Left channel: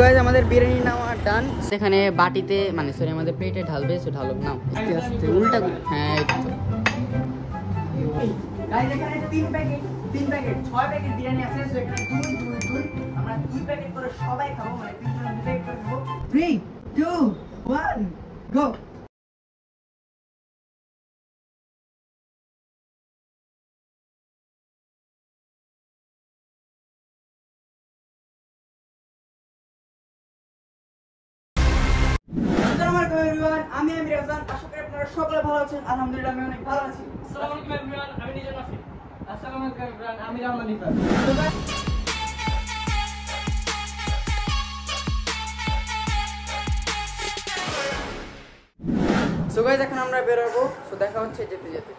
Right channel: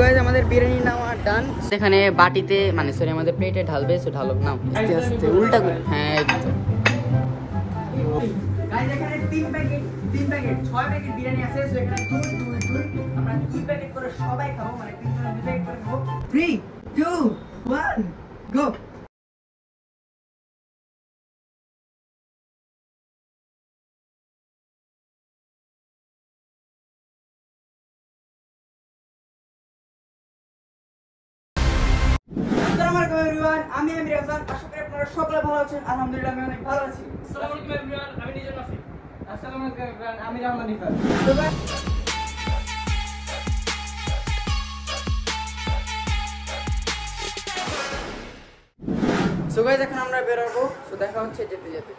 Guys আমাদের বিরিয়ানি নেওয়া ডান। সেখানে বাটিতে মানে সরি আমাদের প্লেটে ঢালবে, সো ঢালো নাও আস্তে আস্তে উল্টা করে। হ্যাঁ এই তো গাইস এখানে 3 প্যাকেট 6 প্যাকেট বিরিয়ানি আছে। সো এখানে 2 আমরা 2 প্যাকেট করে সবাই খাবো, মানে 3 জন 2 প্যাকেট করে খাবো। 3 2 1 গো। আমি রাজান, আশা করি আপনারা সকলে ভালো আছেন। আলহামদুলিল্লাহ আমি অনেক ভালো আছি। আসসালামু আলাইকুম এভরিওয়ান, আমি নিজাম নাফি। আসসালামু আলাইকুম এভরিওয়ান, আমি রহমান নিফার। সো গাইস এখন আমরা বের হবো। সো দেখা হচ্ছে যেতে যেতে।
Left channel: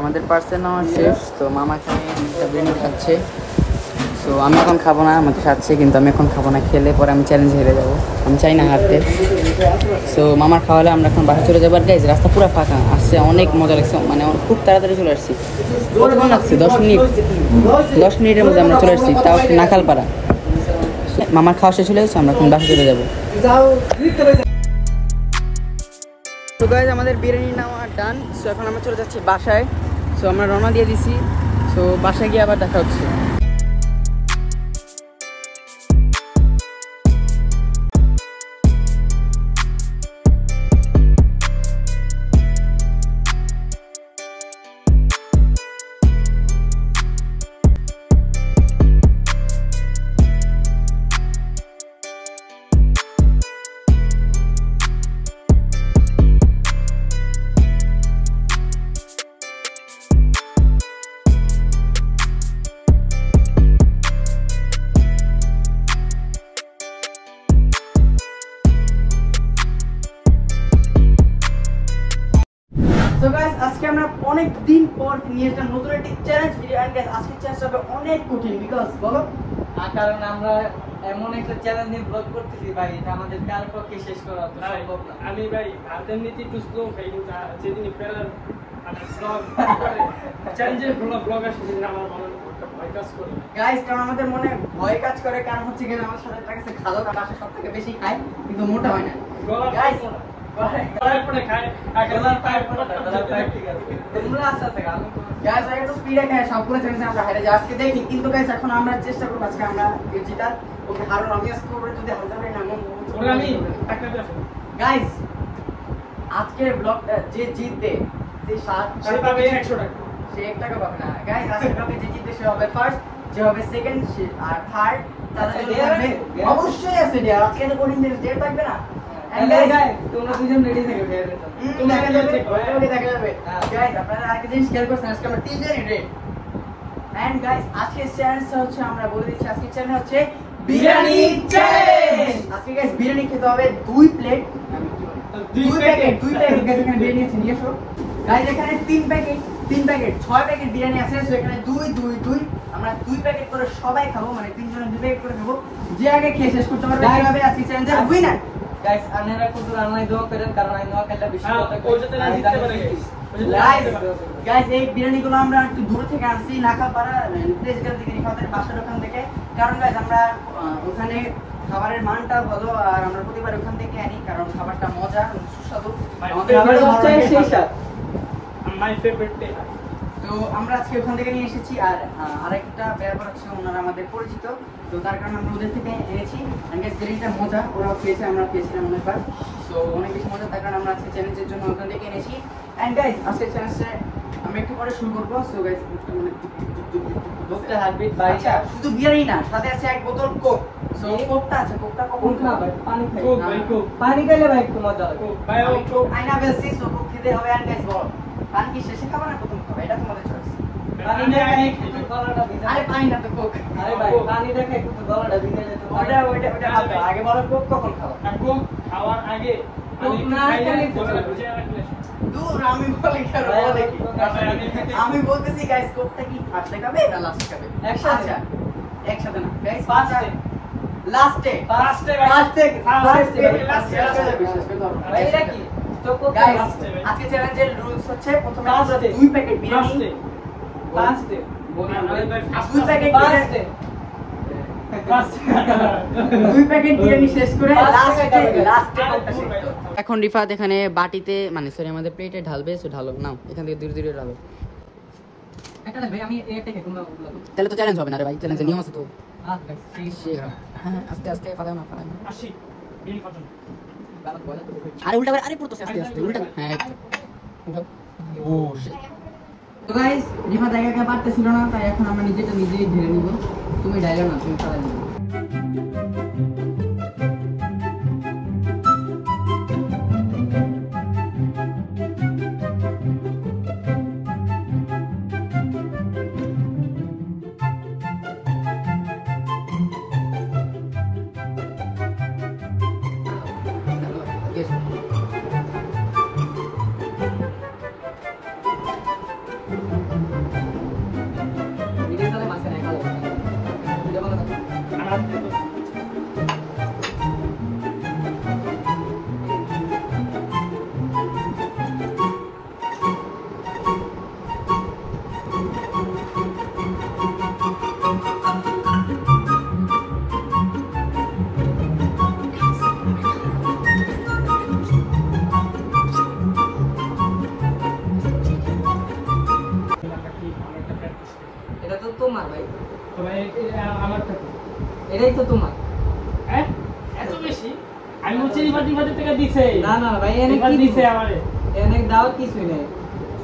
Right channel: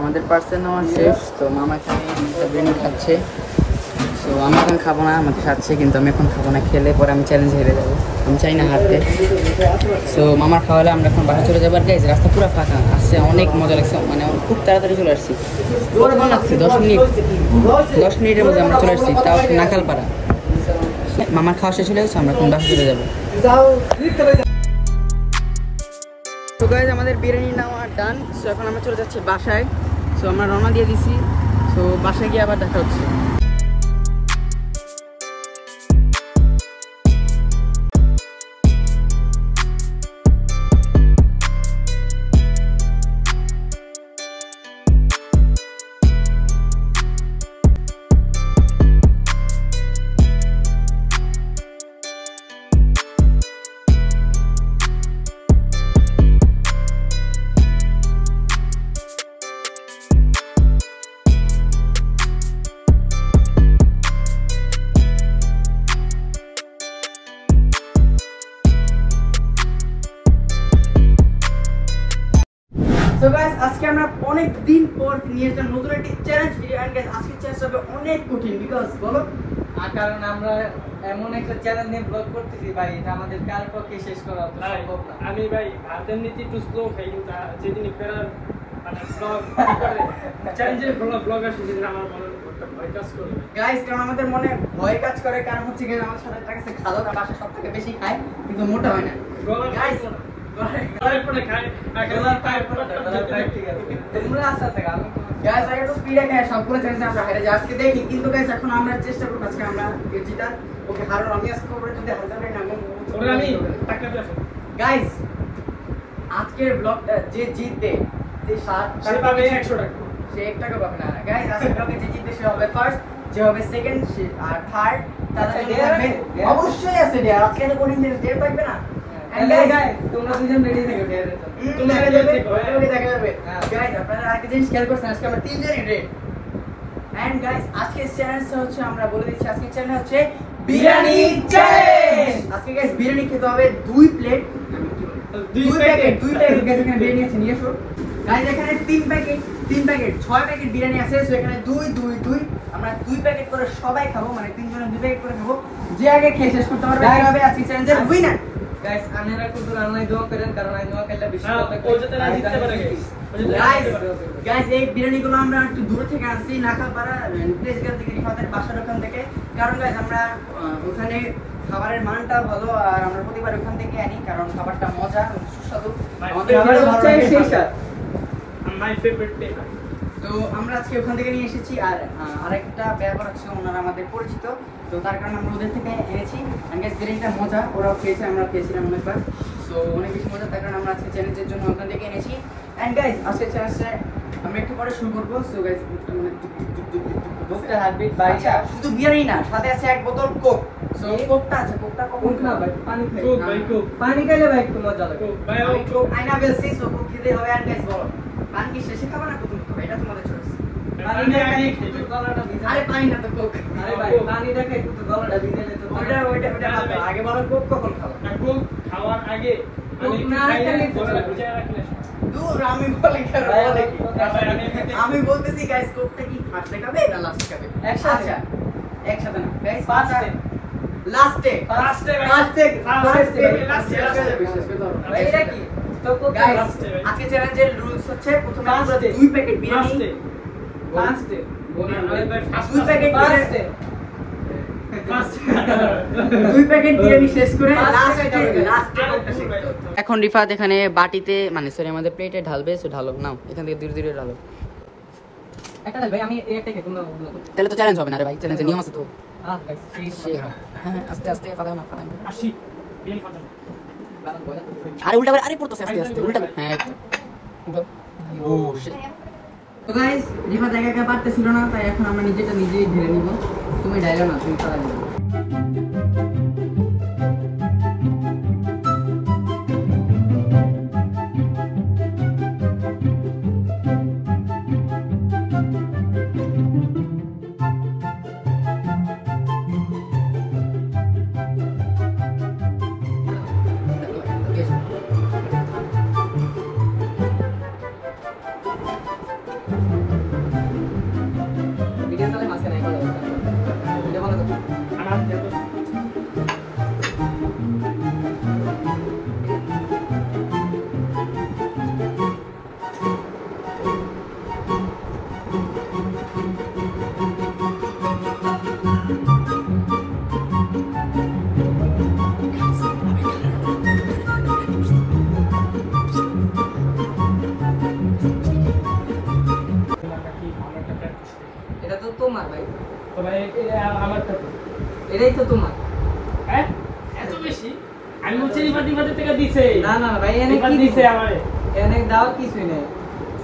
আমাদের পার্সেল নেওয়া শেষ। তো মামা এখানে বিরিয়ানি খাচ্ছে। সো আমি এখন খাবো না, আমাদের খাচ্ছে কিন্তু আমি এখন খাবো না। খেলে পরে আমি চ্যালেঞ্জ হেরে যাবো, আমি চাই না হারতে। সো মামার খাওয়ালে আমরা এখন বাসা চলে যাবার। গাইজ রাস্তা পুরো ফাঁকা, আসছে অনেক মজা লাগছে, মানে খুব তাড়াতাড়ি চলে আসছি। কতক্ষণ লাগছে? 10 মিনিটের মধ্যে আমরা চলে আসছি, তাও নাখালপাড়া। মামার খাওয়া শেষ হলে আসছে, আমরা এখন বাসা চলে যাবো। তো গাইজ আমাদের বিরিয়ানি নেওয়া ডান। সো এখন আমরা চলে যাচ্ছি বাসায়। সো আমরা রওনা দিয়ে দিছি। সো বাসায় গিয়ে আবার দেখা হচ্ছে। তো গাইস আজকে আমরা অনেক দিন পর নিয়ে এসেছি নতুন একটি চ্যালেঞ্জ ভিডিও। এন্ড গাইস আজকে চ্যালেঞ্জ হবে অনেক কঠিন। বিকজ বলো কারণ আমরা এমন একটা চ্যালেঞ্জ নিয়ে ব্লগ করতেছি ভাই, এটা আমাদের কার পক্ষে শেষ করা সম্ভব না। আমি ভাই হাতের নীতি একটু স্লো খাই, কিন্তু যেদিন ফেরার মানে ব্লগ করে চ্যালেঞ্জের ব্লগার সেদিন আমার মনে একটা ভয় কাজ করে। গাইস কারণ আমাদের মনে ভয় কাজ করে, কারণ হচ্ছে কি আমাদের সাথে একটা কাছে খালো না, পাশে সবথেকে বেশি খায় কিন্তু মোটা হয় না। গাইস গাইস আগে তো স্পিডে খায়, সবগুলো চ্যালেঞ্জে আমরা হেরে যাই। আজকে দেখি কিন্তু গাইস এখন আমরা চেষ্টা করব আজকে আমরা জিতার। ওকে হারুন আমি আজকে করব, যদি হারতে পারি না আমি টাকা দেব। গাইস আজকের ব্লগটা যে জিতবে সে পাবে 100 টাকা, সে 1 টাকা পাবে না। গাইস আজকের ব্লগে যে জিতবে সে হবে ফার্স্ট, যে হবে সেকেন্ড আর থার্ড। তাহলে অবশ্যই আছে ডিয়ার, আজকে তো কঠিন দিন ডেট থাকবে না। এন্ড গাইস তোমরা দুজন রেডি থেকে বের হতে তোমরা দেখা যাবে। গাইস আপনারা আরেকটা জিনিস খেয়াল করছেন, আজকে আমরা 3 জনই রেড। এন্ড গাইস আজকের চ্যালেঞ্জটা হচ্ছে, আমরা বলে দিচ্ছি আজকের চ্যালেঞ্জ হচ্ছে বিরিয়ানি চ্যালেঞ্জ। আজকে গাইস বিরিয়ানি খেতে হবে 2 প্লেট, 2 প্যাকেট গাইস এখানে বিরিয়ানি আছে, নিয়ে এসো। গাইস এখানে 3 প্যাকেট 6 প্যাকেট বিরিয়ানি আছে। সো এখানে 2 আমরা 2 প্যাকেট করে সবাই খাবো, মানে 3 জন 2 প্যাকেট করে খাবো। যে আগে খেয়ে শেষ করতে পারবে সে হবে আজকে চ্যালেঞ্জের উইনার। গাইস আপনারা কিন্তু রান্নায় দোয়া করেন, কারণ এই দোয়া করলে বেশি কথা ও যাতে না জিততে পারে guys। ও যাতে না জিততে পারে। গাইস এই বিরিয়ানিগুলো আমরা একটু দূর থেকে আনছি, নাকাপাড়া প্লেসগেল থেকে, রিফাতের বাসার ওখান থেকে। কারণ গাইস আমরা ওখানে খাবারের মানটা ভালো, আর আমরা প্রতিবার ওখান থেকে আনি, কারণ খাবারটা মজা এবং সুস্বাদু। আমাদের আমার ভালো হচ্ছে লাগে সেই স্বাদ। My favourite day. তো আমরা আজকে ওখান থেকে নিয়ে এসেছি। আর আরেকটা ব্যাপার হচ্ছে ওনারা আমাদের পরিচিত, তো তার কারণে আমরা ওদের থেকে এনেছি। বিরিয়ানিটা মজা, ওরাও খেয়েছে, আমরা খেয়েছিলাম অনেকবার, সো অনেক বেশি মজা, তার কারণে আমরা আজকে চ্যালেঞ্জের জন্য ওখান থেকে এনেছি। অ্যান্ড গাইজ আজকে চ্যালেঞ্জটা আমরা একটু পরে শুরু করবো। সো গাইজ মানে বুকটা হার্টবিট বাইটা। আচ্ছা, শুধু বিরিয়ানি না, সাথে আছে এক বোতল কোক। সো কোকটা আছে, কোকটা কখন কোক না ভাই, পানি খাই। কোক ভাই, কোক। পানি খাইলে ভাই একটু মজা লাগে। কোক ভাই, ও কোক। আইনা বেশি, সো কোক খেতে হবে। অ্যান্ড গাইজ বল, পানি কি শেষে খাবা না প্রথম খাবা, এটা তোমাদের চয়েস। পানি না খাই একটু গলাটা ভিজে। আরে পানি না তো কোক। আরে ভাই পানি না খাই একটু গলাটা ভিজে যেত। ওইটা ভাবো। আগে বলো কোক কখন খাও? আর কোক খাওয়ার আগে কোক আমি না খাইলে খেলে গলা কিছু ভিজে রাখলে। দূর আমি বলি কেন, ভাই, বলে কি? না ভাই, আমি বলতেছি গাইস কোকটা কি ফার্স্টে খাবে না লাস্টে খাবে? একসাথে। আচ্ছা, একসাথে না গাইস, ফার্স্টে। লাস্টে ফার্স্টে লাস্টে লাস্টে ভাই এটা কি? তো কোক গাইস লাস্টে ভাই। আজকে চ্যালেঞ্জের রুলস হচ্ছে প্রথমে আমরা লাস্টে। 2 প্যাকেট বিরিয়ানি, ফার্স্টে ফার্স্টে। আরে ভাই, 2 প্যাকেট ফার্স্টে। দুই প্যাকেট বিরিয়ানি শেষ করে লাস্টে লাস্টে কোকটা শেষ করব। এখন রিফাত এখানে বাটিতে মানে সরি আমাদের প্লেটে ঢালবে, সো ঢালো নাও, এখান থেকে ধীরে ধীরে ঢালো। একটা ভাই আমি একটা খেয়ে তোমরা তাহলে তো চ্যালেঞ্জ হবে না রে ভাই, চ্যালেঞ্জের নিয়ম আছে তো। হ্যাঁ হ্যাঁ আস্তে আস্তে পালাও না, পালাও না। আসি বিল কথা। আরে উল্টা করে, আরে পড়তেছে আস্তে আস্তে, উল্টা হ্যাঁ একটু উঠাও। ও শিট। তো গাইস রিফাত একা একা পারতেছিল না, তাই এখন আমরা নিজেটা নিজেই ঢেলে নিব। তুমি ঢালো না, তুমি পালা নিও। দিকে তাহলে মাঝখানে এটা বলো তো। আমার দেখো এটা তো তোমার ভাই, তো ভাই আমারটা তো। এটাই তো তোমার। হ্যাঁ এত বেশি আমি বলছি রিফাতের থেকে দিছে না না ভাই এনে রিফাত কি দিছে দিছে? আমারে এনে দাও কিছুই নেই,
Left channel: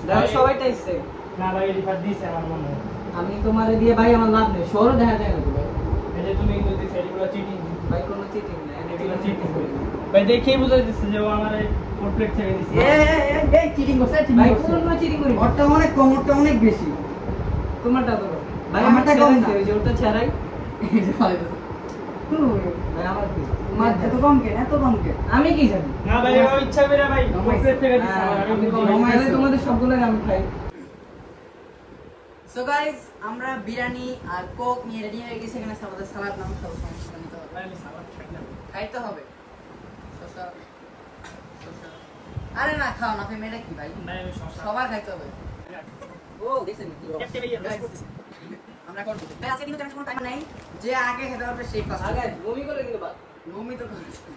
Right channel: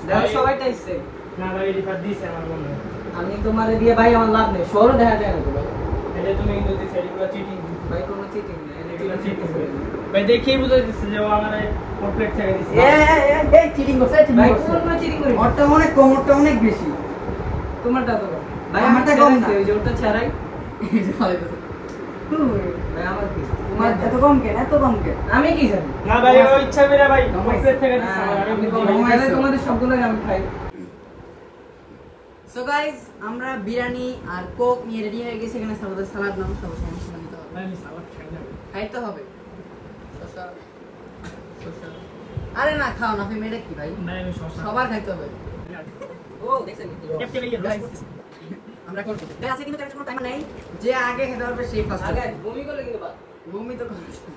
দাও ভাই। সবাইটা ইচ্ছে। না ভাই রিফাত দিছে আমার মনে হয় আমি তোমারে দিয়ে ভাই আমার লাভ নেই, সরো দেখা যায় না তো ভাই। এটা তুমি কিন্তু দিছে এগুলো চিটিং ভাই কোনো চিটিং না, এগুলো চিটিং ভাই দেখেই বুঝাই দিচ্ছে যে ও আমারে কমপ্লিট থেকে দিছে এই চিটিং করছে, ভাই কোনো চিটিং করি না। ওরটা অনেক কম, ওরটা অনেক বেশি। তোমারটা তো ভাই আমারটা আমারটা কম কম না। ওই যে ওটা ছাড়াই। ভাই আমার কি তোমার এত কম কেন, এত কম কেন? আমি কি জানি? না ভাই ও ইচ্ছা করে ভাই কমপ্লিট থেকে দিছে আমি আমি বুঝি তো ভাই। তাহলে তোমাদের সবগুলো আমি খাই। সো গাইস আমরা বিরিয়ানি আর কোক নিয়ে রেডি হয়ে গেছি। এখানে সালাদ সালাদ নাও, সব সমস্যা নিতে হবে, ভাই, আমি সালাদ খাইলাম। খাইতে হবে। শসা, শসা। আরে না খাও না, তুমি এটা কি ভাই, ভাই, আমি শসা সবার খাইতে হবে। ও দেখছেন ক্যাপ্টেন ইয়া Guys, আমরা করব ভাই, আজকে কিন্তু কোনো টাইম নাই, যে আগে খেতে পারবে সেই ফার্স্ট আগে হবে। বমি করে কিন্তু বাদ। বমি তো করেছে,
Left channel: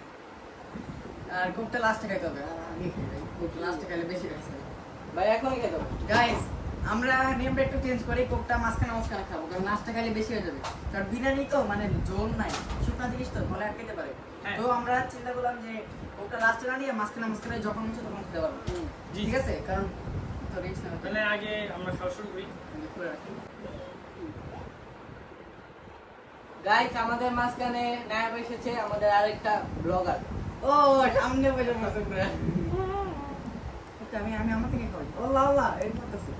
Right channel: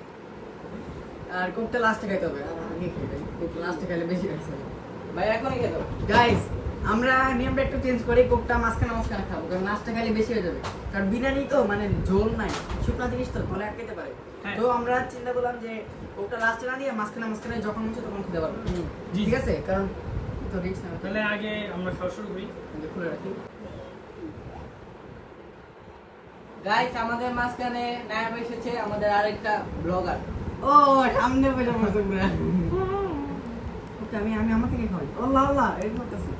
আর কোকটা লাস্টে খাইতে হবে। আগে খাই ভাই, কোক লাস্টে খাইলে বেশি খাইছে। ভাই এখনই খেতে হবে। গাইস আমরা নিয়মটা একটু চেঞ্জ করি, কোকটা মাঝখানে মাঝখানে খাবো, কারণ লাস্টে খাইলে বেশি হয়ে যাবে। কারণ বিরিয়ানি তো মানে ঝোল নাই, শুকনা জিনিস তো গলা আটকাতে পারে। হ্যাঁ। তো আমরা চিন্তা করলাম যে কোকটা লাস্টে না নিয়ে মাঝখানে মাঝখানে যখন হচ্ছে তখন খেতে পারবো। জি। ঠিক আছে, কারণ তো রিস্ক না, তাহলে আগে আমরা খাওয়া শুরু করি খুলে রাখি। গাইস আমাদের মাঝখানে নায়ক এসেছে আমাদের আরেকটা ব্লগার। ও সামনে বসে বসে পুরো। ওকে আমি আমার থেকে খাই। আল্লাহ আল্লাহ এই করতেছি।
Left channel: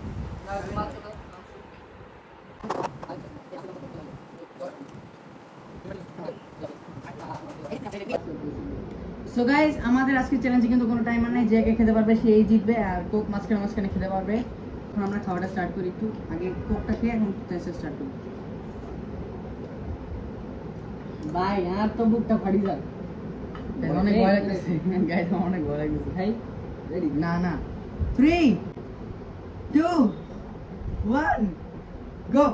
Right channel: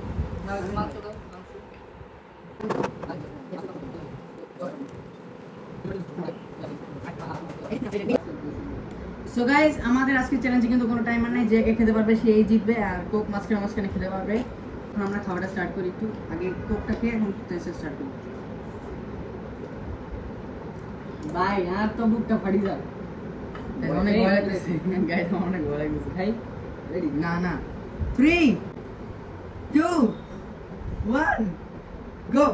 সো গাইস আমাদের আজকে চ্যালেঞ্জে কিন্তু কোনো টাইমার নাই, যে কে খেতে পারবে সেই জিতবে, আর কোক মাঝখানে মাঝখানে খেতে পারবে। এখন আমরা খাওয়াটা স্টার্ট করি, একটু আগে কোকটা খেয়ে এখন টেস্ট স্টার্ট করি। ভাই আর তো বুকটা ফাড়ি যাবে। অনেক ভয় লাগতেছে গাইস, অনেক ভয় লাগতেছে ভাই। রেডি? না না, 3 2 1 গো।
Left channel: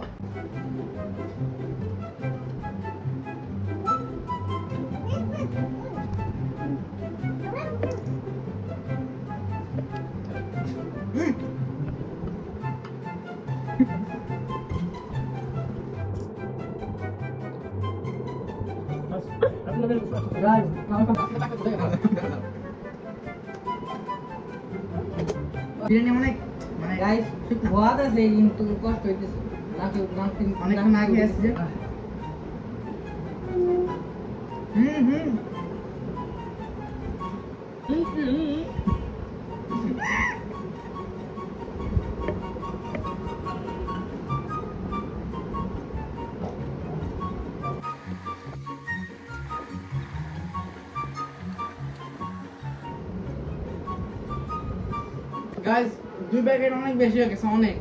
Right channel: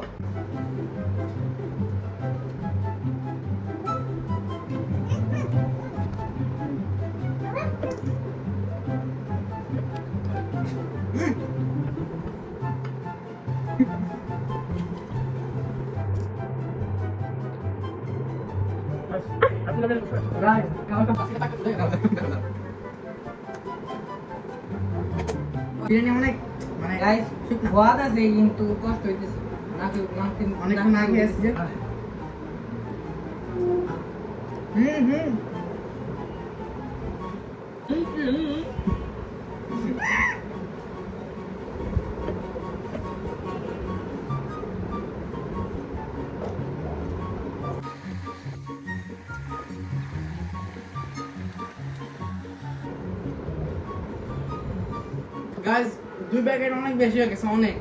আপনাদের গাইস খাওয়া বিরিয়ানি অনেক মানে গাইস ওয়াদ আছে কিন্তু কষ্ট হইতেছে নাকি অনেক না গিয়ে আসছে। গাইস 2 প্যাকেট অনেক বেশি হয়ে গেছে, অনেক।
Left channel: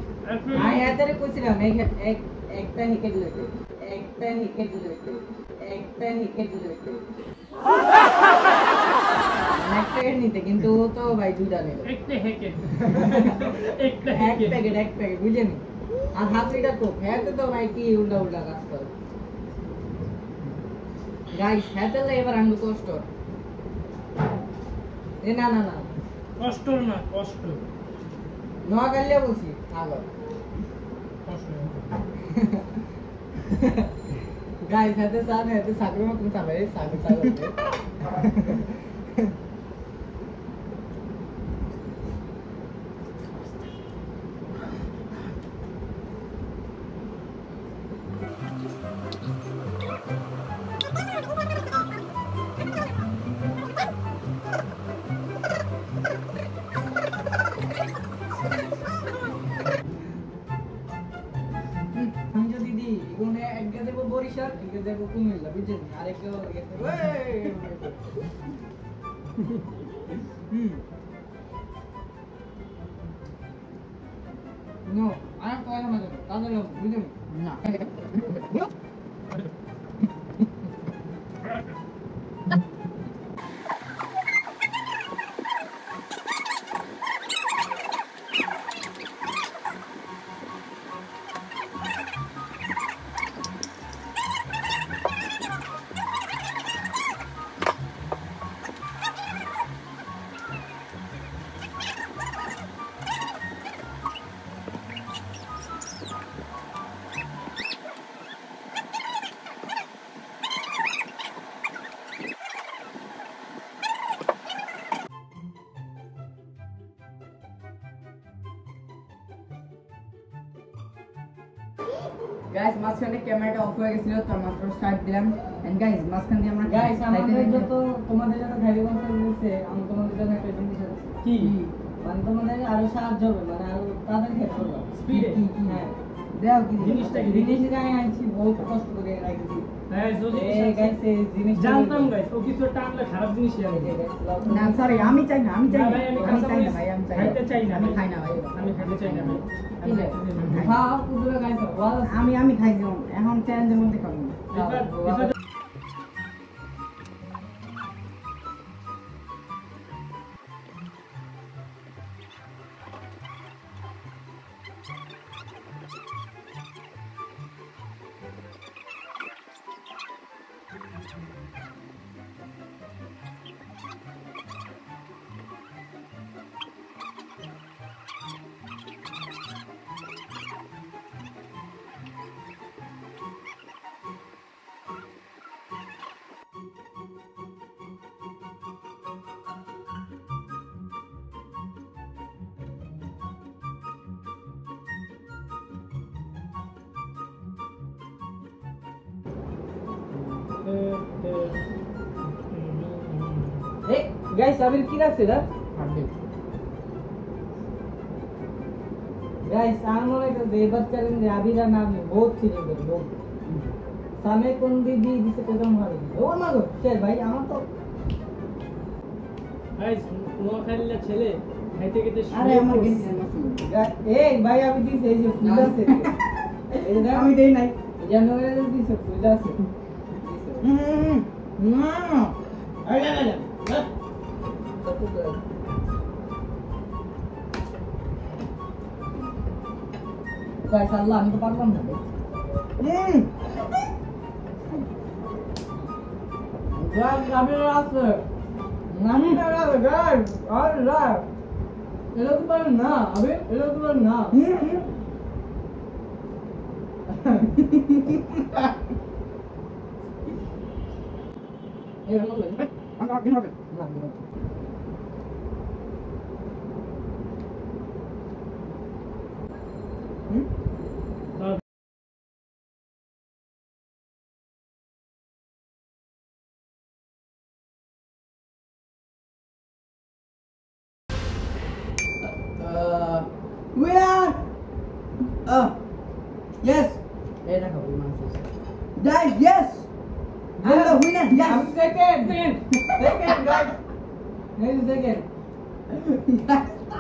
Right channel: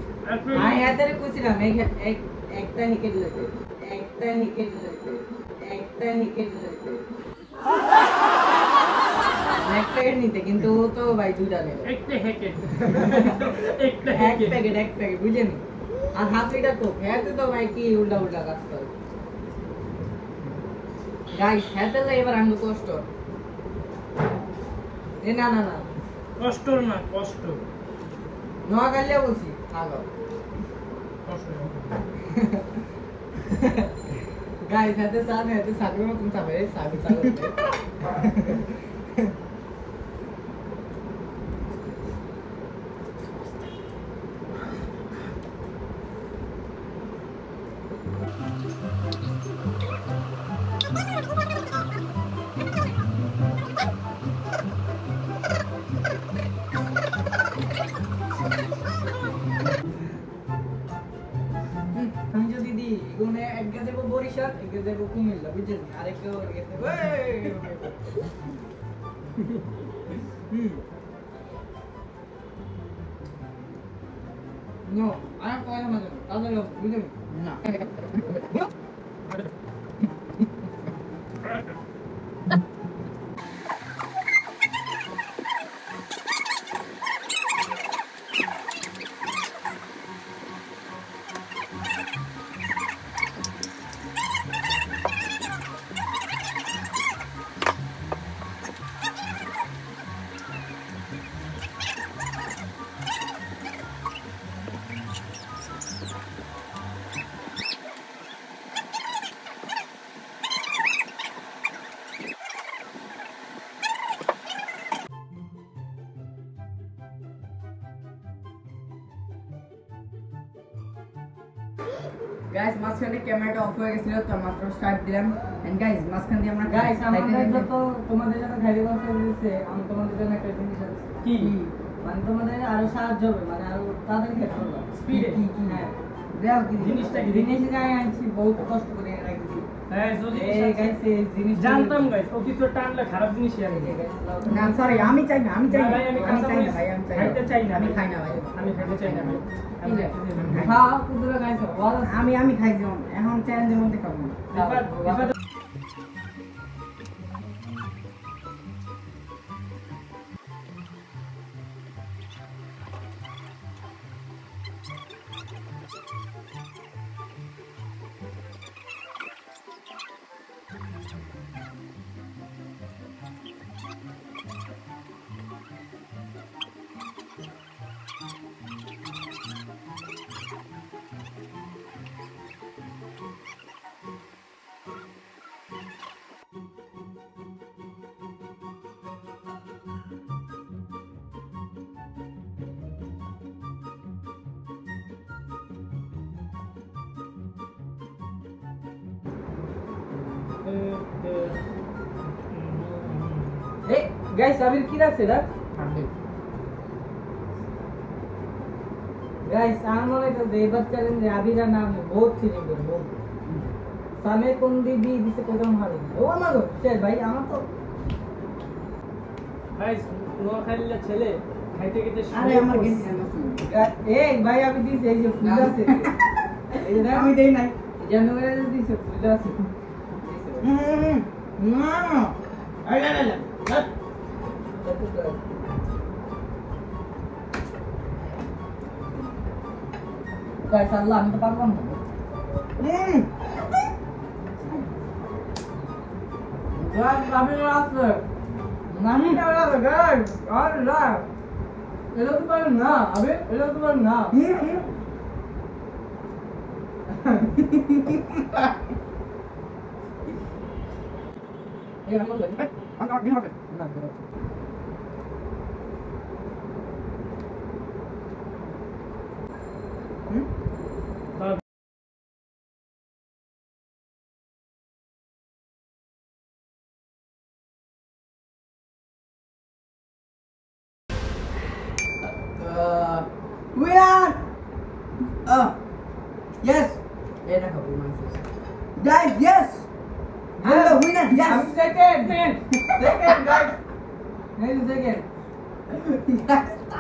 আমি এদের কইছিলাম একটা হেকে দিলে একটা হেকে দিলে একটা হেকে দিলে একটা নিতে, কিন্তু ও তো ভাই দুইটা নেবে। একটা হেকে এক প্যাকেট বুঝেনি। আর হাফ লিটার কোক খেতে তো ভাই কি উল্টা উল্টা কাজ করে গাইস। খেতে এবার আমি কষ্ট এ না না না কষ্ট না, কষ্ট নোয়াখালী বলছি আগো কষ্ট গাইস হাতে সাগরের মতন চাবে সাগর আমি যদি দিই এগুলো একটা দেবো বরিশাল, একটা দেবো কুমিল্লা, বুঝছেন? আরেকটা দেবো নো আর কয় না তাদের বুঝলেন না গাইস, মাঝখানে ক্যামেরাটা অফ হয়ে গেছিল, তো মাত্র স্টার্ট দিলাম। এন্ড গাইস, মাঝখান দিয়ে আমরা গাইস আমাদের যত তোমাদের যত গাড়ি বসে দিয়েছে, আমি তোমাদের জন্য একটা জিনিস আছে। কি মানে তোমাদের আরো সাহায্য হবে, মানে আরো তাদের ক্ষেত্রে স্পিডে হ্যাঁ দেও কি জিনিসটা কি? জিনিসটা আমি আনছি বহুত কষ্ট করে রাখছি। হ্যাঁ যদি এই গাইস এই জিনিস জানতাম গাইস ও কিছু একটা আনলে খারাপ জিনিসই আনবে। না সরি, আমি চাই না, আমি চাই না না, ভাই, আমি আমি চাই না কাঁচা ভাই, আমি চাই খাইতে চাই না। আমি খাই না ভাই, আমি খাইতে চাই না ভাই। ঠিক আছে, আমি খাই না। হ্যাঁ কুদরে গাইস ওয়াজ আমি খাই যেমন এখন চ্যালেঞ্জের মধ্যে খাবো না। এবার এই গাইস আবির কি রাখছে না গাইস আমার মনে হয় এবার চ্যালেঞ্জে আবিরের নাম বহুত চিনি করে বহুত সামনে কোন দিদি দিছে কদম মারে ও না গো শের ভাই আমার তো গাইস নোয়াখালীর ছেলে খাইতে খেতে আরে আমার গেছে এই ভাই আমি দিছি এই যে ফুল আছে এই যে আমি দেই নাই। জানুয়ারি দিছে ফুল আছে না এই না না গাইস আল্লাহ আমি তো পারলাম না গাইস আমি রাস্তা নামি না গাইস আল্লাহ এলো তো পারেন না আবে এলো তো পারেন না we are yes এটা খাবো guys yes I'm the winner yes I'm second guys next second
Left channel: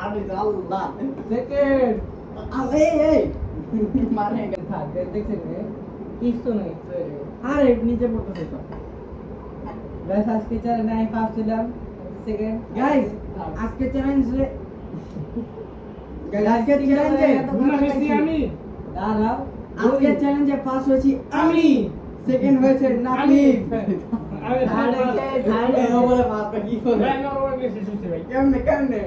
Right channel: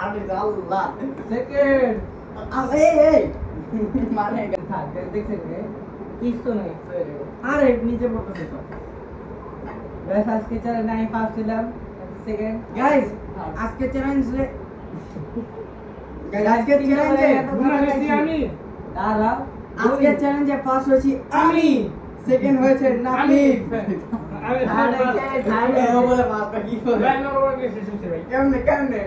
আরে আল্লাহ second এই মানে থাক দেখছেন কিছু নাই আরে নিচে পড়তেছে তো গাইস আজকে চ্যালেঞ্জ আমি ফার্স্ট ছিলাম সেকেন্ড গাইস আজকে চ্যালেঞ্জে আজকে চ্যালেঞ্জে আমি দাঁড়াও আজকে চ্যালেঞ্জে ফার্স্ট হয়েছি আমি সেকেন্ড হয়েছে নাফিক কেমনে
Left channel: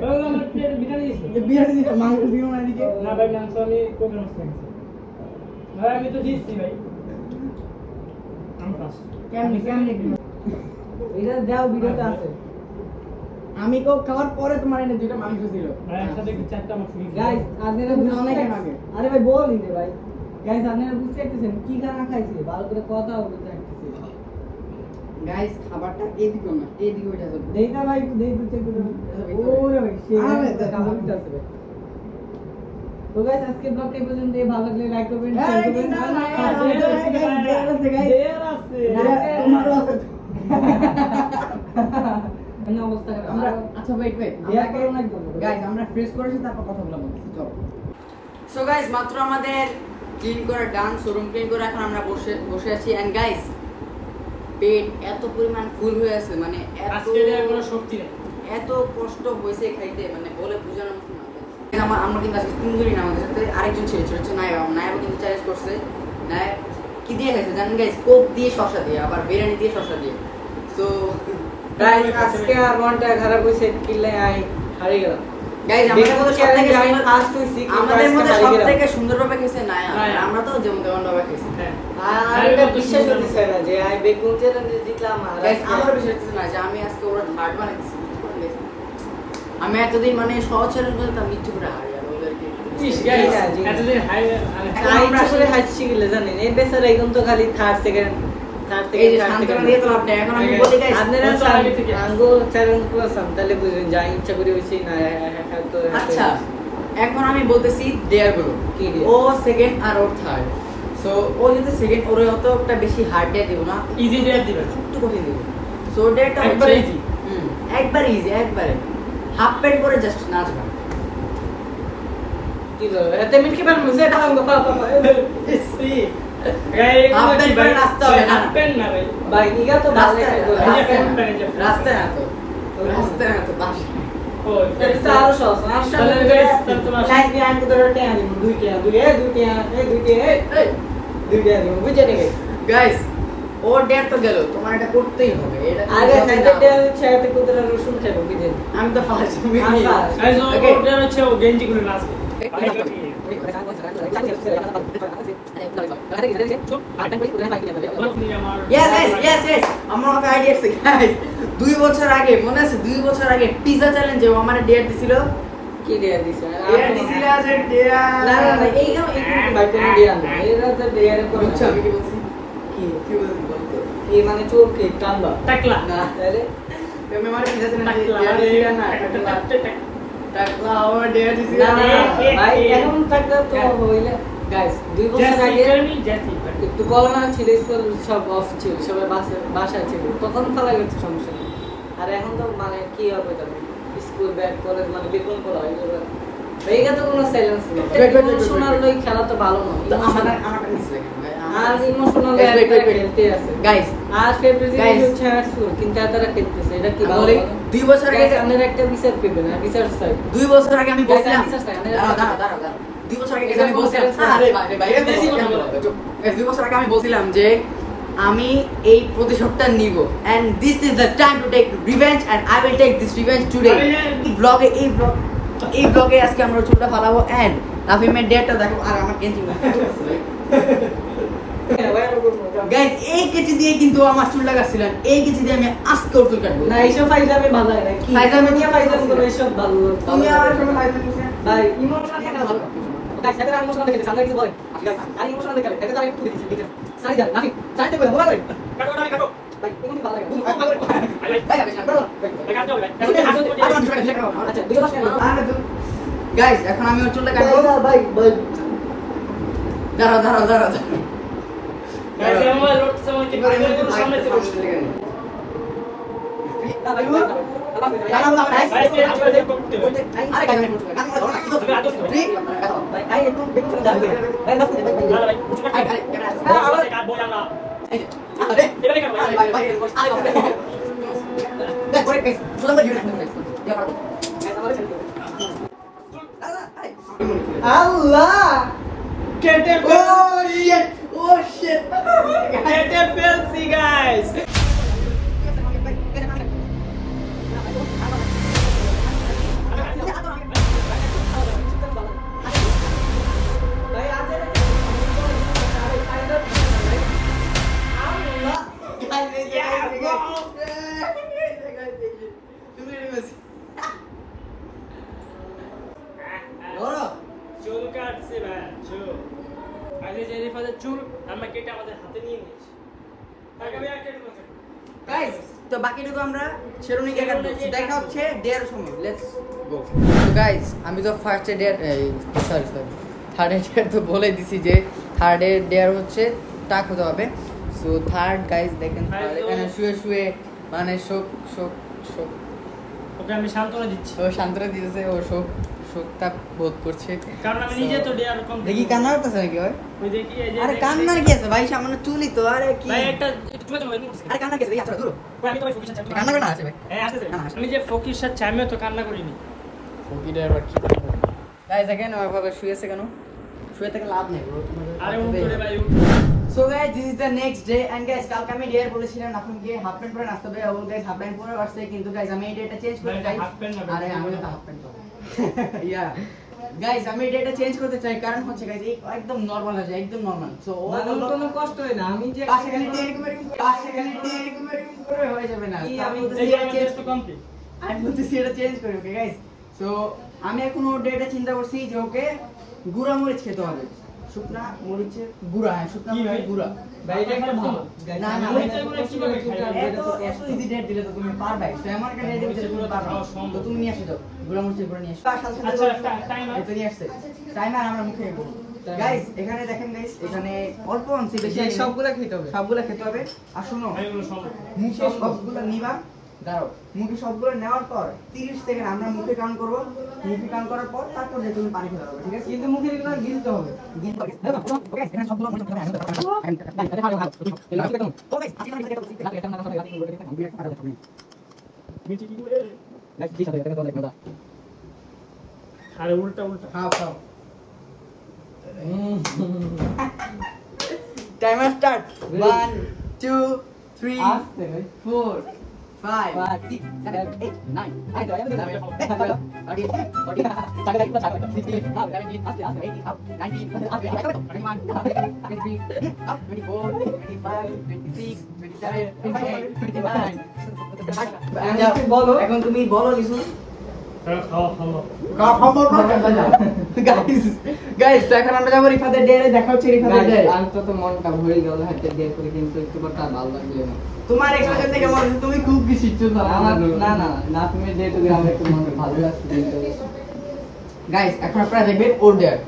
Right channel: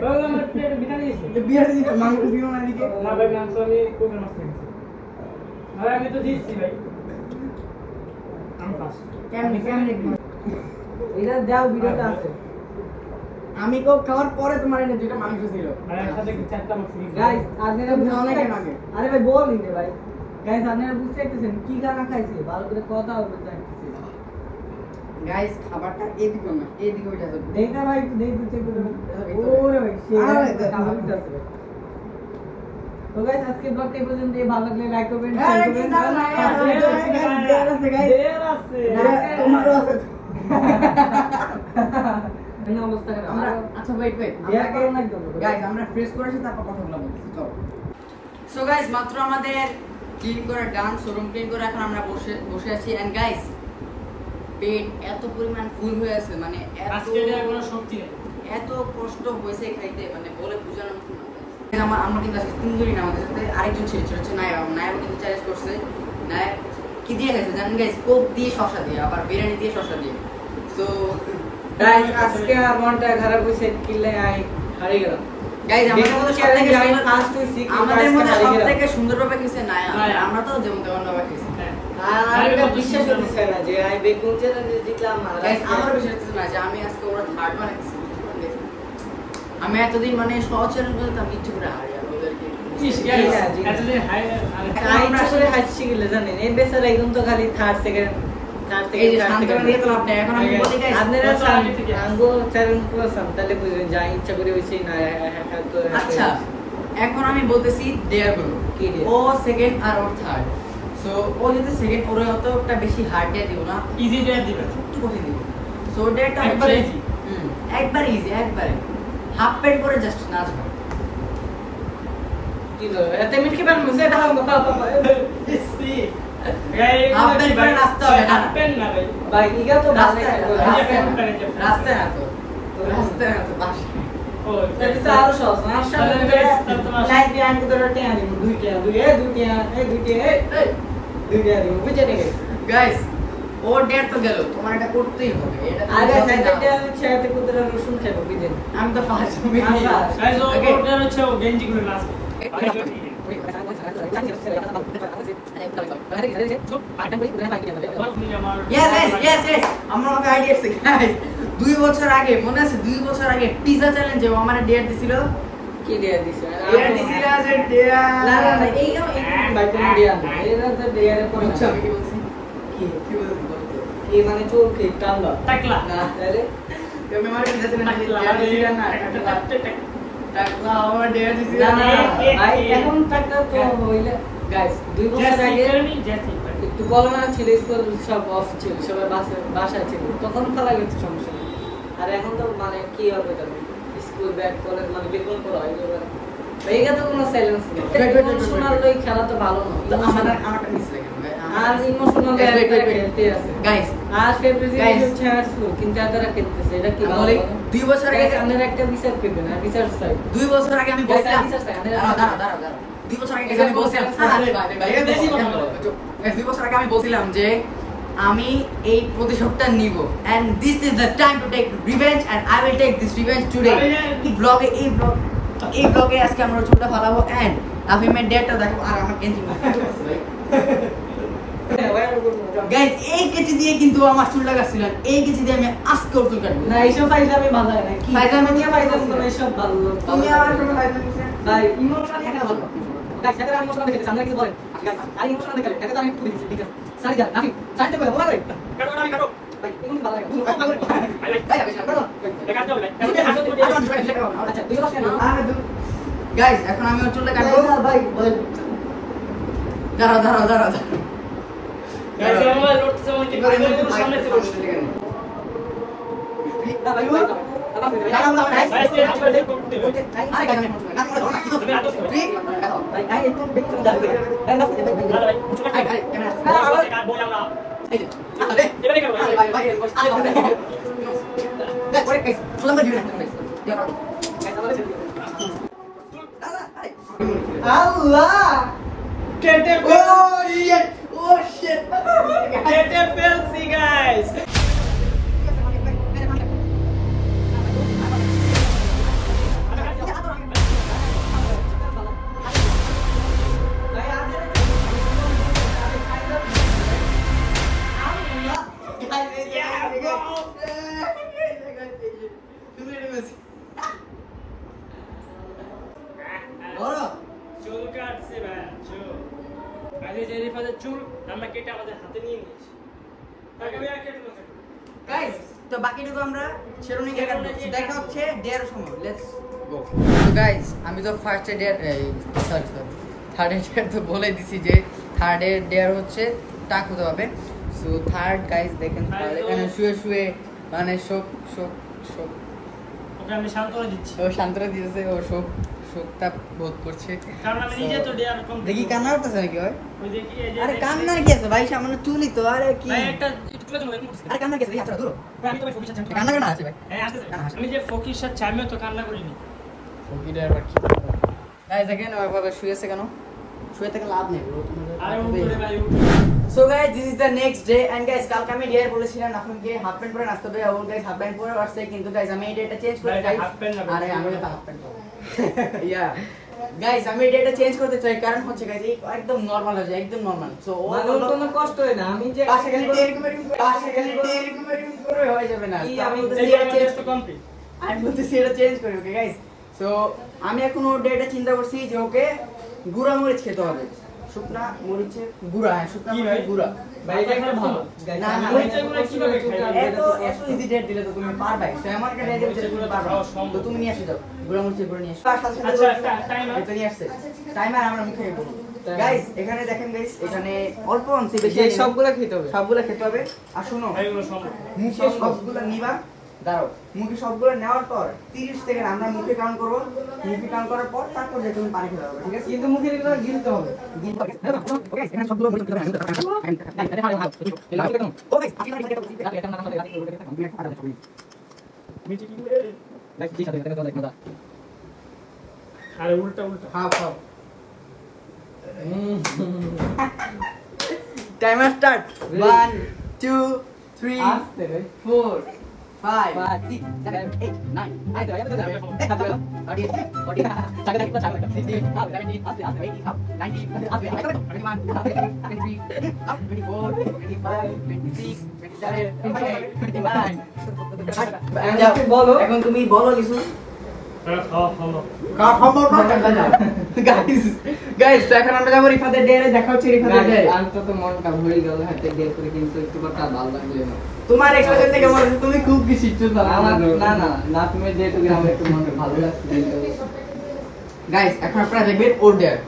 বিরিয়ানি দিতে মাংস দিও না দিকে না ভাই মাংস আমি কোন মাছ খেয়েছি ভাই আমি তো দিচ্ছি ভাই আমি ফার্স্ট কেমনে এটা দাও ভিডিওতে আছে আমি কো খাওয়ার পরে তোমার এনে যেটা মাংস ছিল ভাই আমার সাথে কি চারটা মাছ দিয়েছি গাইস আপনারা অনেক আগে আরে ভাই বল দিতে ভাই গাইস আপনারা বুঝতে পারতেছেন কি খানা খাইছি ভালো করে কথা বলতে চাইতেছি গাইস খাবারটা এদিকে না এদিকে ওইটা যাবে দেইতা ভাই একটু দেই চেক করে ওরে ভাই সে খাবার দিতে আছে ভাই তো গাইস আজকে ব্লগটা এই পর্যন্ত ভালো লাগলে লাইক করবেন শেয়ার করবেন দেয়ার আছে তোমারও আছে এই অবস্থা আমরা আচ্ছা ওয়েট দেয়া করুন একদম গাইস আমরা ফ্রেশ করেছি তারপর কথা বলবো চলো সো গাইস মাত্র আমাদের ক্লিন করে ডান শোরুম ক্লিন করে এখন আমরা বসে আছি এন্ড গাইস পেট এত পরিমাণ ফুল হয়ে আছে মানে আজকে এটা কোনো শক্তি নেই এত কষ্ট হয়েছে খাইতে মানে বলে বোঝানোর মতো না আমরা কিন্তু আজকে 3 দিন আমাদের সাথে আরেকজন ছেলে ছিল নায়াব কিন্তু চ্যালেঞ্জ করছে নায়াব কি দিয়ে খাইছে জানেন গাইস কোক দিয়ে শসা দিয়ে আবার বিরিয়ানি দিয়ে শসা দিয়ে সো গাইস আজকে মনটা খারাপ হইছে কিলে হারিয়ে গেলাম গাইস আমাদের মধ্যে সবথেকে সুন্দরভাবে খেয়েছে নায়াব আমরা তো যেমন তেমন ভাবে খেয়েছি আর এটা বিশ্বাস হচ্ছে না যে আমি কোন চ্যালেঞ্জে জিতলাম গাইস আমার বিশ্বাস হচ্ছে না যে আমি আজকে ওরা হার্ড বানাইছি আমি এতদিন মানে সহজ চ্যালেঞ্জ বলতে আমি ইচ্ছে করে হারি আর ওদেরকে এতদিন হাই আমরা আসলে হাসছি গেলে জানেন এই বেচারা এখন তো খালি থার্ড সেকেন্ড এই যে শান্তনা দিয়ে তো লাভ নেই এখন আমি বলি গাইস আপনারা তো আগে থেকে আঙ্গো চ্যালেঞ্জ করছেন তাহলে বুঝবেন যা ইচ্ছা করে হইছে না আচ্ছা এখন আমি বলতেছি দেয়ার গুলো ও সেকেন্ড আর ওর থার্ড সো ও যদি সেকেন্ড ওরে হতো একটা বেশি হার্ড ডে দিব না ইজি ডে দিবেন একটু কঠিন দিব সো ডেটা একবার হচ্ছে easy। একবার ইজি একবারে হাফ প্যান্ট পরে জাস্ট নাচবা কি বলবো এতে মিটকে পান মুঝে সি হাফ প্যান্ট পরে নাচতে হবে না পেন না ভাই ভাই ইগা তো রাস্তায় না তো বাসা ও এটা আরো সহজ না চাই দিয়ে আনতে ধরে টেয়া দিব দুইটা দিব বুঝে নেবে গাইস ও ডেট তো গেল তোমার এটা করতেই হবে এটা আরে সাইডে ছেড়ে কুকুরের রসুন খেলো কি জানি আমি তো ফার্স্ট আমি আমি তো ওটা হচ্ছে ও গেঞ্জি করে নাচবে yes আমার কাছে আইডিয়া আছে গাইস 2 বছর আগে মনে আছে 2 বছর আগে পিজা চ্যালেঞ্জে ও আমারে ডেট দিছিল কি লিয়া দিছে ডেট দিছিল আছে ডেট না এই না ভাই তুমি দিয়া না এরা তো দেয়ারে বুঝছো আমি কি বলছি কি বলছি বলতো এই মানে চোখে কামবা টাকলা না তাহলে আমি মানে পিজা চ্যালেঞ্জে ডেট দিছিল না টাকলা আমার ডেট দিছিল না ভাই এখন টাকা তো হইলে গাইস 2 বছর আগে জাতি একটু করোনা ছিল স্কুল সব অফ ছিল সবাই বাসায় ছিল তখন তারা গেছে সমস্যা আর এখন তো মানে কি হবে তাহলে স্কুল ব্যাক করে মানে বেতন করা হয় এইটা তো কোনো সেলেন্স নেই Wait. ইমোশনাল লই খেলা তো ভালো আমারটা মিস লাগে আর ইমোশনাল গাইস আর ফেব্রুয়ারি ছাড়ছো কিন্তু তারা করতেছে এটা কি বলি 2 বছর আগে আমাদের একটা বিচার করবে না বিচার চাই 2 বছর আগে আমি বলছিলাম দাঁড়াও 2 বছর আগে আমি বলছিলাম আরে ভাই 2 বছর আগে আমি বলছিলাম যে আমি এই প্রতিশোধটা নিব and this is the time to take revenge and I will take this revenge today এই ব্লগে আজকে আমরা চুলটা ফালাবো and নাফিমের ডেটটা দেখো আর আমার কেঞ্চি গাইস এই কেচি দিয়ে কিন্তু আমার চুলটা কাটছিলাম এই কেচি দিয়ে আমি আস্তে চুল কাটবো না এইসব ফাইজামি ভালো হয় না কি ফাইজামি নিয়ে ফাইজামি করে এসব ভালো তুমি আমার কোনো ফাইজামি ভাই ইমোশনাল দেখে ভালো গাইস এটা আমি ইমোশনাল দেখে সামনে কি বলে আর ইমোশনাল দেখে এটা তো আমি একটু দিছি ঠিক আছে সাইড দাও নাকি সাইড দাও বলা ভাই কাটো আমি কাটো ভাই তুমি ভালো লাগে আচ্ছা দুই বছর গাইস এখন আমি ওর চুলটা কাটবো ভাই ভাই দাঁড়াও আল্লাহ কেটে Oh shit! কেটে ফেলছি গাইস চুল কাটছে ভাই চুল আগে যে রিফাদের চুল আমরা কেটে আমাদের হাতে নিয়ে নিয়েছি তাকে আমি আর কেটে না গাইস তো বাকিটুকু আমরা শেরুনিকে কাটবো দেখা হচ্ছে ডেয়ার সময় লেটস গো তো গাইস আমি তো ফার্স্টে ডেয়ার সরি থার্ড ডেয়ার তো বলে দিছি যে থার্ড ডেয়ার হচ্ছে টাক হতে হবে সো থার্ড গাইস দেখেন এখানে শুয়ে মানে শোক ওকে আমি সান্ত্বনা দিচ্ছি ও শান্তনা দিতেছে ও শোকটা বোধ করছে কারণ আমি নিজে তো ডেয়ার কম দেখি কান্না করতেছে নাকি ভাই ওই দেখি এই যে আরে কান্নার কি আছে ভাই সামান্য চুলই তো আরে কি ভাই একটা একটু চলে যাবো এরকম আরে কান্না কি আছে ভাই আচ্ছা দূর ভাই আমি তো ভাই ফোকিস চাচ্ছি কান্না কেন আছে ভাই হ্যাঁ আসছে আমি যে ফোকিস চাচ্ছি আমিও তো কান্না করিনি ফকিরের আবার কি গাইস দেখেন ওইভাবে শুয়েছে কেন শুয়ে থেকে লাভ নেই আরে উপরে ভাই so guys this is the next day and guys কালকে আমি ডেয়ার বলেছিলাম আপনাকে হাফ প্যান্ট পরে নাচতে হবে আর গাইস হাফ প্যান্ট পরে আসছে কিন্তু গাইস আমি এই ডেটা চেঞ্জ করতে চাই আরে আমি তো হাফ প্যান্ট ইয়া গাইস আমি এই ডেটা চেঞ্জ করতে চাই কারণ হচ্ছে গাইস একদম নরমাল আছে একদম নরমাল সো ও কোনো কষ্ট হয় না আমি যে পাশে খালি এরকম করে হয়ে যাবে না আমি আমি এই চেঞ্জ চেঞ্জ তো কমপ্লিট আমি বলতেছি এটা চেঞ্জ করি ওকে গাইস সো আমি এখন ওর ডেটা চিন্তা করছি যে ওকে গুঁড়া মরিচ খেতে হবে শুকনা মরিচের গুঁড়া হ্যাঁ শুকনা মরিচের গুঁড়া ভাই এটা একটা ভালো না না মরিচের গুঁড়া কিভাবে খাই? এত ইজি ডেট দিলে তো তুমি পারবে সো আমার একটা ডেট দিলে তুমি পারবে তো তুমি নিয়ে আসি দাও গুঁড়া মরিচের গুঁড়া নিয়ে আসো আচ্ছা টাইমার এটা নিয়ে আসছে টাইমার আমরা মুখে নেব গাইস এখানে দেখেন গাইস এখানে অল্প অংশে বেশি সবগুলো খেতে হবে সবগুলা খেতে হবে আর শুনো এইগুলো সম্ভব মুখে সবগুলো নিবা দাঁড়াও মুখে সবগুলো নেওয়ার পর 30 সেকেন্ড আমরা মুখে কাউন্ট করব মুখে কাউন্ট করার পর তারপর যে তুমি পানি খেতে পারবে ঠিক আছে কিন্তু মুখে এগুলো গিলতে হবে ওকে এখানে সবগুলো মুখে খেতে হবে ওকে আরে উল্টা উল্টা খাও খাও টাইমার স্টার্ট 1 2 3 আস্তে ভাই 4 5 6 7 8 9 আরে তো এটা না আরে ওকে টাকা দেখো টাকা 16 17 আস্তে আস্তে 18 19 আস্তে 21 23 24 25 26 27 28 বলো এখন তুমি বলো কিছু খাওয়া গাইস তো এখন আমরা যাবো রিফাদের ডেয়ারে দেখা হচ্ছে রিফাদের ডেয়ারে আর তো মনটা ভরে গেল হাতে গিয়ে করে কিন্তু একটু কথা ভালো লাগলো না তোমার এক্সপ্রেশন দেখে মনে হচ্ছে তুমি খুব বেশি চুল আমার না না না তুমি যেহেতু আমার একটু মনটা ভালো লাগছে গাইস এখন আপনারা দেখবেন ওর ডেয়ার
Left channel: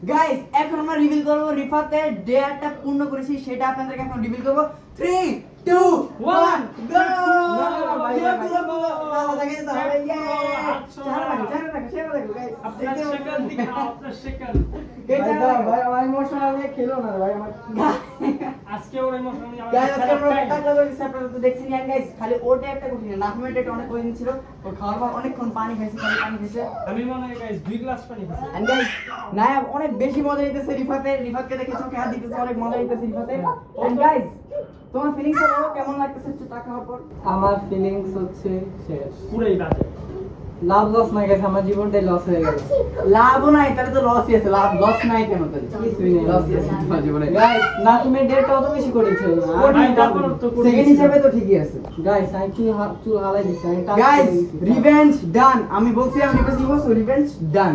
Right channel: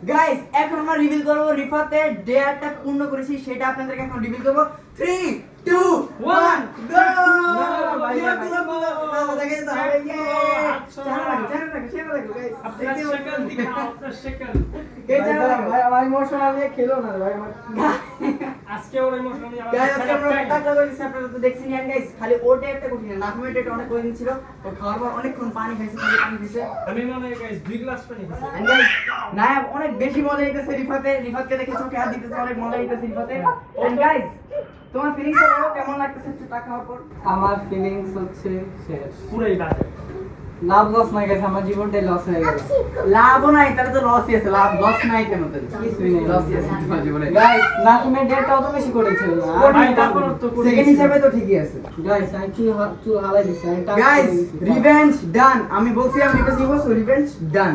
গাইস এখন আমরা রিভিল করব রিফাতের ডেয়ারটা পূর্ণ করেছি সেটা আপনাদেরকে এখন রিভিল করব 3 2 1 গো ভাই ইমোশনাল নিয়ে খেলো না ভাই আজকে ওর ইমোশনাল নিয়ে গাইস আজকে আমরা টাকা করেছি আপনারা তো দেখছেন গাইস খালি ওটা একটা কঠিন না নাকুমের এটা অনেক কঠিন ছিল ও খাওয়ার পর অনেকক্ষণ পানি খাইছে খালি পানি খাইছে আমি মনে হয় গাইস 2 গ্লাস পানি খাইছি এন্ড গাইস নায়াব অনেক বেশি মজা নিতেছে রিফাতকে দেখে চোখে হাত দিতেছে অনেক মজা নিতেছে রিফাতে এন্ড গাইস তোমার ফিলিংস কেমন লাগতেছে একটু টাকা খাওয়ার পর আমার ফিলিংস হচ্ছে শেষ পুরাই বাজে লাভ লস না গেছে আমার জীবনটাই লস হয়ে গেল লাভও নাই তাহলে তো লসই আছে লাভ লস নাই কেন তাহলে কিছুই নেই লসই আছে তোমার জীবনে গাইস না তুমি ডেটটা অত বেশি করেছিল না সেকেন্ড হিসাবে তো ঠিকই আছে গাইস আমি চুল হালাই দিছি আমি টাচ গাইস রিভেঞ্জ ডান আমি বলছি আমি রিভেঞ্জ নিব সো রিভেঞ্জ ডান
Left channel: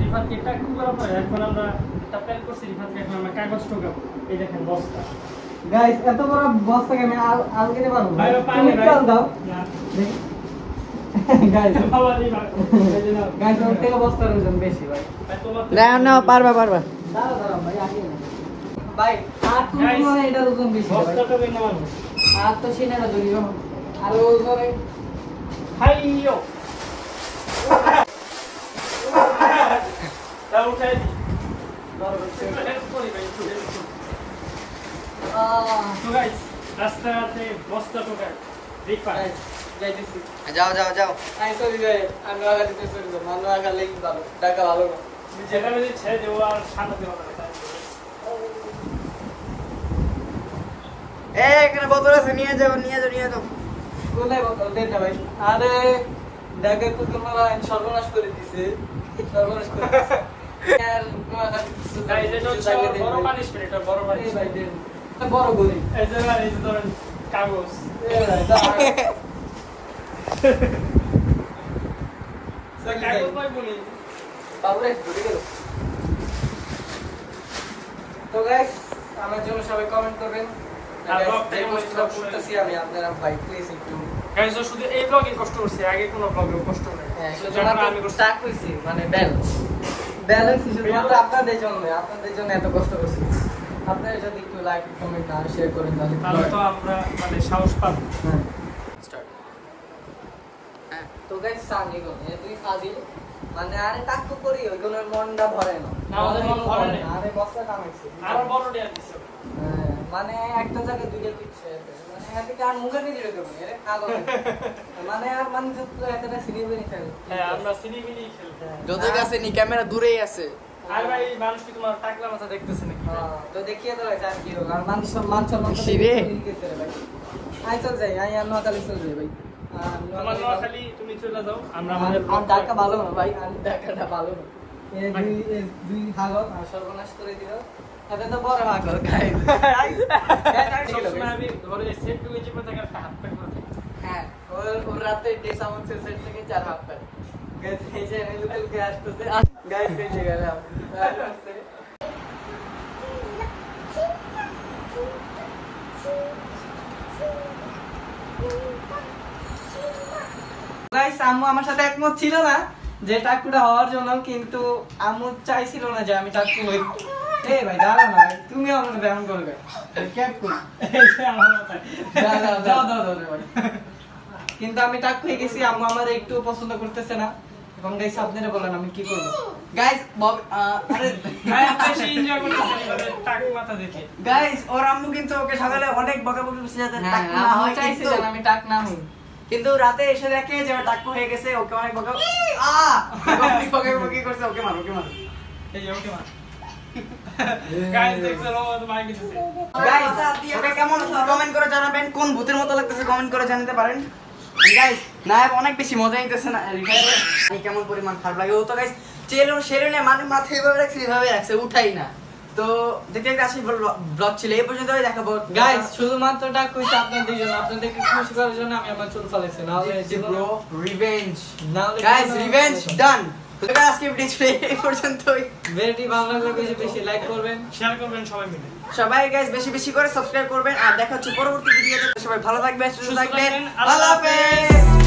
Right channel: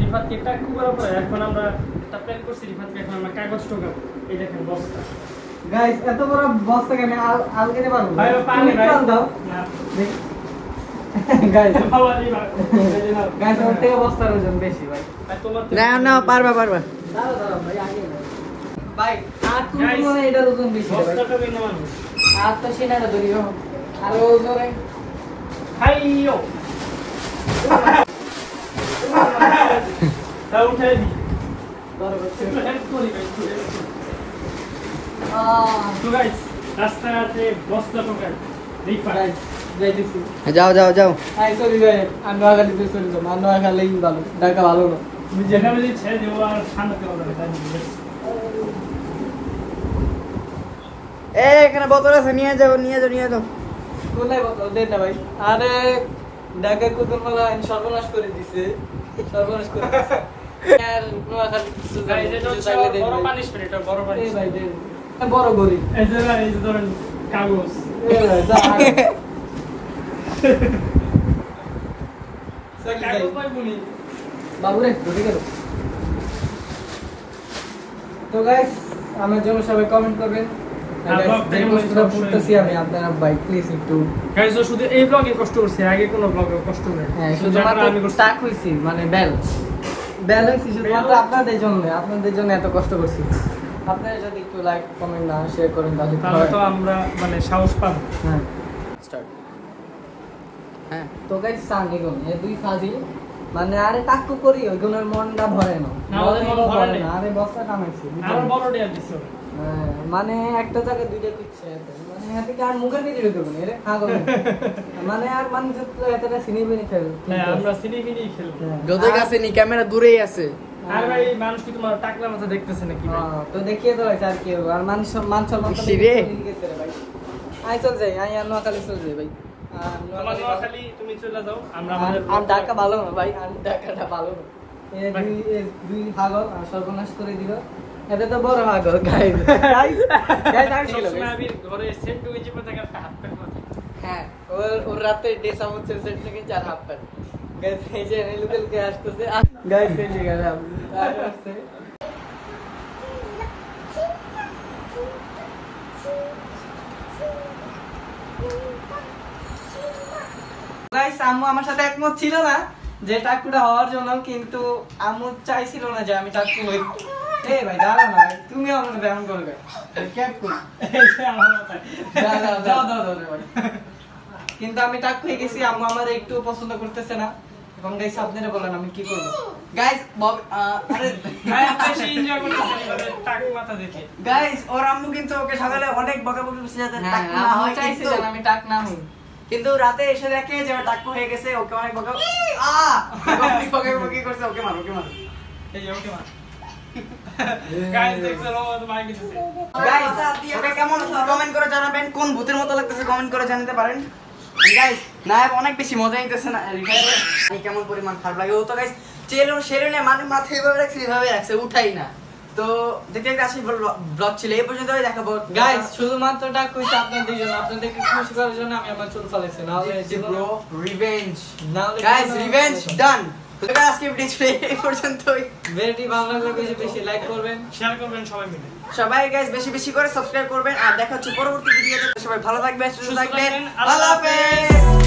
রিফাতকে ট্যাগ করার পরে এখন আমরা একটা প্ল্যান করছি রিফাতকে এখন আমরা কাগজ টোকাবো এই দেখেন বস্তা গাইস এত বড় বস্তা আমি আলকে নিতে পারবো ভাই পানি ভাই দাও না গাইস ভালো নেই ভাই গাইস ওর থেকে বস্তার ওজন বেশি ভাই না পারবা দাঁড়াও ভাই আগে না ভাই আর তুমি Guys, মনে এটার ওজন বেশি ভাই বস্তা টোকে নেওয়া আর তো সেনাটা ধরি আর ওজনে হাইয়ো তাও উঠাই দি একটু হেল্প করি তো গাইস রাস্তাতে বস্তা টোকাই রিফাত যাইতেছি যাও যাও যাও আই সরি ভাই আমি আগা দিতে সরি তো মানো আগালেই ভালো ঢাকা ভালো না যেখানে দিচ্ছে যে ও আর ঠান্ডা করবে না এখানে বোতল আছে নিয়ে যাও কোথায় বোতল দেন না ভাই আরে ঢাকা কুকুরমালা সর্বনাশ করে দিছে সর্বনাশ করে দিছে আর নোয়াখালী গাইস এটা হচ্ছে বড় পানিশমেন্ট এটা বড় এই পানিশমেন্ট ভাই দেন বড় গরি এই যে গাইস এই ধরেন কাগজ এই ভাই যা কাগজ পাইবনি বাবুরে ধরে গেল তো গাইস আমার জন্য সবাই কমেন্ট করবেন আমি আপনার ভাই প্লিজ একটু গাইস শুধু এই ব্লগে কষ্ট করছে আগে কোনো ব্লগে কষ্ট নাই শুধু আমি করছি টাক হইছি মানে ব্যালেন্স শুধুমাত্র আপনাদের জন্য এত কষ্ট করছি আপনারা যদি একটু লাইক কমেন্ট না শেয়ার করেন তাহলে তো আমরা মানে সাহস পাবো হ্যাঁ স্টার্ট হ্যাঁ তো গাইস সামনে গেল এই দুই ফাজিল মানে আরে টাক্কু করি ওইগুলোর মনটা ভরে না আমাদের মন ভরে না। আরে বস্তা কামাইছি আরো বড় দেয়া দিছো হ্যাঁ, মানে একটা জায়গায় দুইটা দিচ্ছে মানে এখান থেকে আর মুখে নিয়ে দেবো এরে আগো মানে আর মানুষ তো এতটা সিনেমা নিয়ে খেলে হ্যাঁ আমরা সিনেমিনি খেলি যতই কাছে নি ক্যামেরা দূরেই আছে আর ভাই মানুষ কি তোমার টাকলা মতো দেখতেছে নাকি ভাই তো দেখিয়ে তো ভাই আর কি হবে? আর মান সম্মান সিরে। গেছে রে ভাই আই চল যাই আই আর নোয়াখালী চল যাই ভাই তোমার খালি তুমি চলে যাও আমরা আর ঢাকা ভালো না ভাই আর ঢাকাটা ভালো না দুই হাগল আর সর্বনাশ করে দিল এটা তো বড় হাগল গাইস গাইস আমি ছিল আমি ধরে সেট টু গেছি পর থেকে হাত প্যাক করে হ্যাঁ ওর রাতে ডেসা হচ্ছে সেট থেকে 4 হাত পায় গাইস এই যে এই লোকাল কে আসতেছে গাইস এই যে গেলাম গাইস আম্মু আমার সাথে একমত ছিল না যে টাকুটা হওয়ার জন্য কিন্তু আম্মু চাইছিল না যে আমি টাকু হই এই ভাই দাঁড়াও না ভাই তুমি আমার ব্যায়াম করবে ক্যাপ করি আমার মাথায় দাও ভাই কিন্তু আমি টাক হয়ে গেছি আম্মু আমার একটু পছন্দ করতেছে না এবং গাইস আপনারা বলেন আমি কি করব গাইস আরে ভাই বেশি এনজয় করতেছেন এবারে টাক মাথা দেখে গাইস ওর আম্মু কিন্তু ওকে সকালে অনেক বকাবকি করছে যাতে হ্যাঁ টাক না আম্মু হয় চাইছে কিন্তু যে আমি টাক না হই কিন্তু রাতে এসে দেখে যে ওর টাক্কু হয়ে গেছে ওকে অনেক বকাবকি করছে ওকে মারো এই যে ওকে মার গাইস দেখছো ও তো ভাই কিছু গাইস ওকে কেমন কমেন্ট করে জানাবেন কোন ভূতের মতো লাগতেছে কমেন্ট করে জানাতে পারেন গাইস নায়ক অনেক বেশি মজা নিতেছে না কেমন পরিমাণ খারাপ লাগে ও তো গাইস চেলো শেরুনে মানে মাথায় এভাবে রাখছে এভাবে রাখছে উঠাই না তো দেখতে দেখতে আজকে ব্লগ ছিল এই পর্যন্তই দেখাবো গাইস শুধুমাত্র ডাক কইছে আপনাদের জন্য, আপনাদেরকে খুশি করার জন্য আমি আমার চুল ফালাইছি, না হলে ব্রো রিভেঞ্জ নাহলে গাইস রিভেঞ্জ ডান। তো guys, আজকে ভিডিও ছিল এই পর্যন্তই। ভিডিওটি ভালো লাগলে বেশি বেশি লাইক করবেন, শেয়ার করবেন সবাই মিলে। সবাই গাইস বেশি বেশি করে সাবস্ক্রাইব করবেন আর দেখা হচ্ছে পরবর্তী ভিডিওতে। সবাই ভালো থাকবেন, সুস্থ সুস্থ থাকবেন, থাকবেন, আল্লাহ আল্লাহ হাফেজ।